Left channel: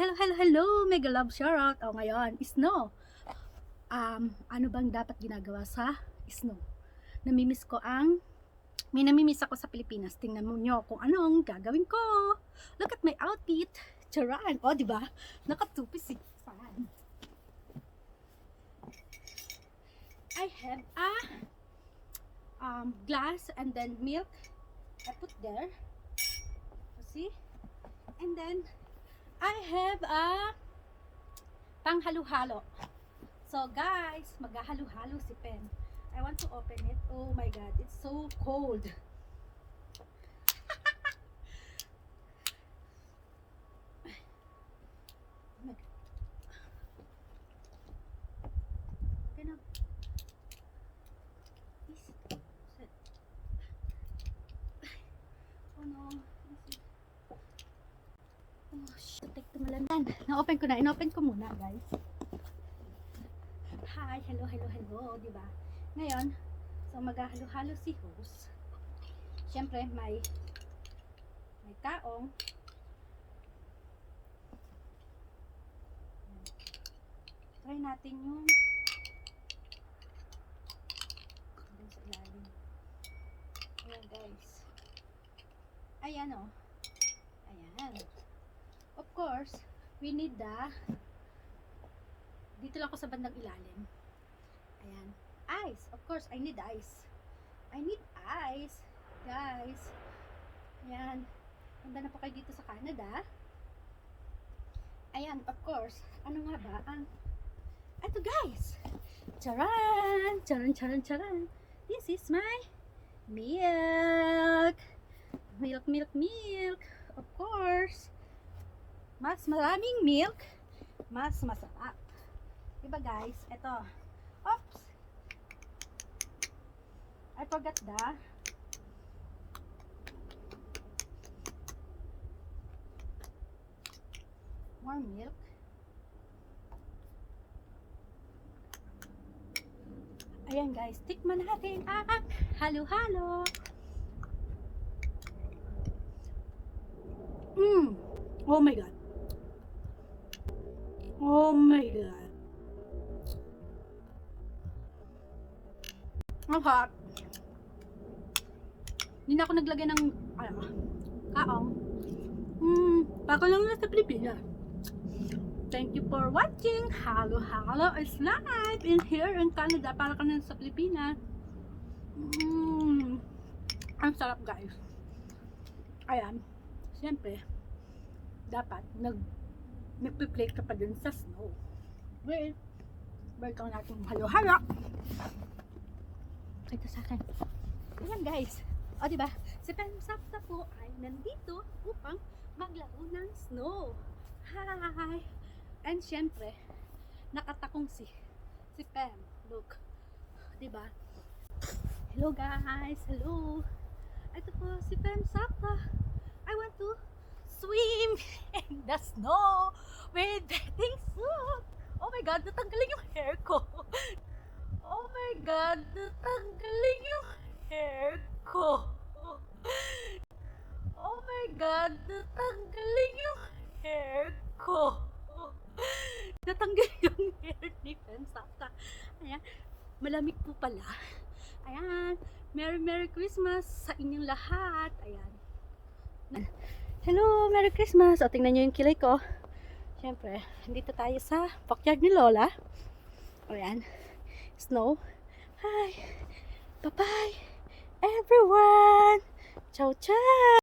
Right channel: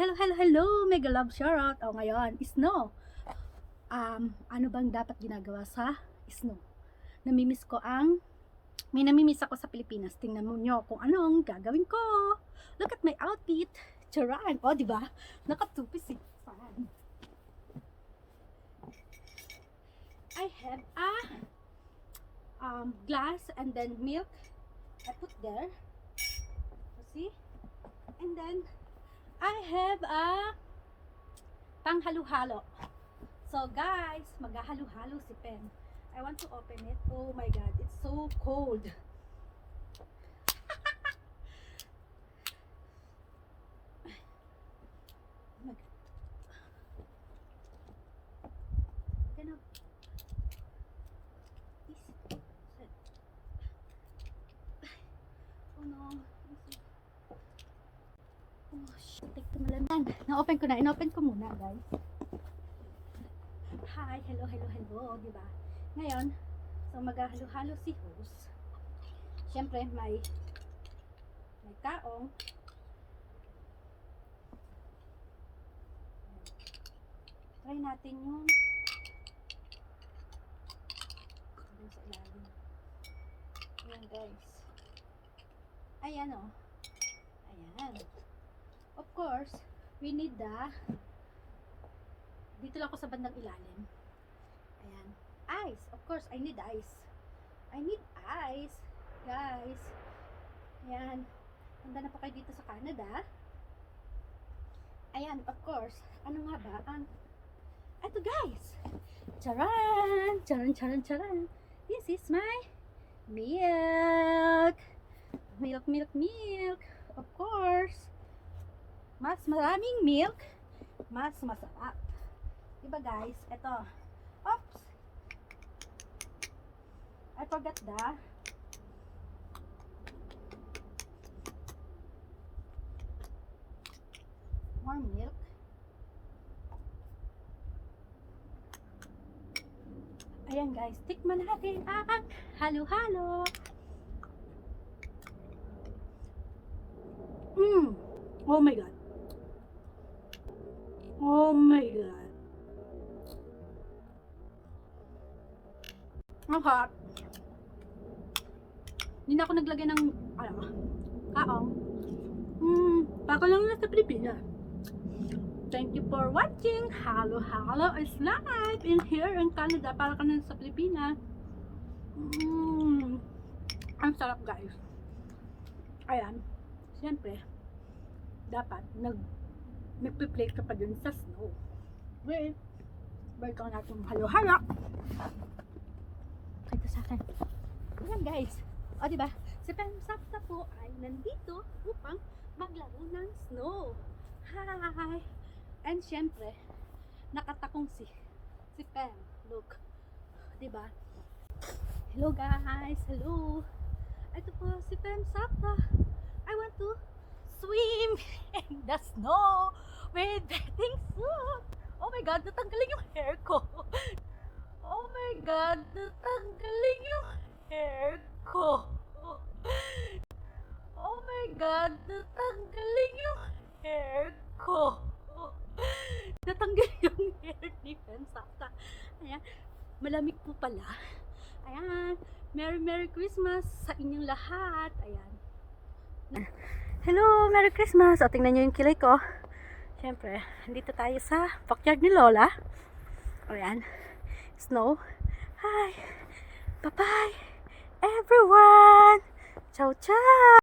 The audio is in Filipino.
Hello, hello, hello! Mega love shoutout! O ngayon, snow. Um, ano bang dapat ginagawa sa snow? Namimiss ko ang may namimiss ako sa Pilipinas. Tingnan mo nyo kung anong gagawin ko. Look at my outfit. Charan. O, di ba? Nakatupi si Fan. I have a um, glass and then milk. I put there. See? And then, I have a panghalo-halo. So, guys, maghahalo-halo si Pen. I want to open it. Oh my God, it's so cold. Oh The malaman. Na-open ko na. In-open ko muna, guys. Hi. Hello, hello, hello. Di ba? Ngayon, so maghahalo-halo si host. Siyempre, may may taong try natin yung dun sa ilalim. Ayan, guys. Ayan, oh. Ayan. Of course, we need the dito lang ako sa bandang ilalim. Ayan. Ice. Of course, I need ice. I need ice. Guys. Ayan. Handa na po kayo dito sa Canada. Ayan, of course. Ano nga ba ang... Ito guys! Charan! Charan, charan, charan! This is my milk! Milk, milk, milk! Of course! Mas maraming milk, mas masarap. Diba guys? Ito. Oops! I forgot the more milk. Ayan guys, tikman natin ang halo-halo. Mmm! Oh my god. Oh my god. Ang hot. Hindi na ako naglagay ng, ano, kaong. Hmm, baka lang na sa Pilipinas. Thank you for watching. Halo Halo is live in here in Canada. Para ka sa Pilipinas. Mm. Ang sarap guys. Ayan. Siyempre, dapat nag nagpe-plate ka pa dun sa snow. Wait. Balikan natin halo halo. Ito sa akin. Ayan guys. O diba? Si Pensapta po ay nandito upang maglaro ng snow. Hi! And syempre, nakatakong si si Pem. Look. 'Di ba? Hello guys. Hello. Ito po si Pem Sakta. I want to swim in the snow with bathing suit. Oh my god, natanggalin yung hair ko. Oh my god, natanggalin yung hair ko. Oh my god, natanggalin yung hair ko. Natanggal yung hair ni Pensata. Ayan, malamig po pala. Ayan, Merry Merry Christmas sa inyong lahat. Ayan. Hello, Merry Christmas. O, tingnan nyo yung kilay ko. Siyempre, dito tayo sa backyard ni Lola. Ayan, snow. Hi, bye-bye, everyone. Ciao, ciao.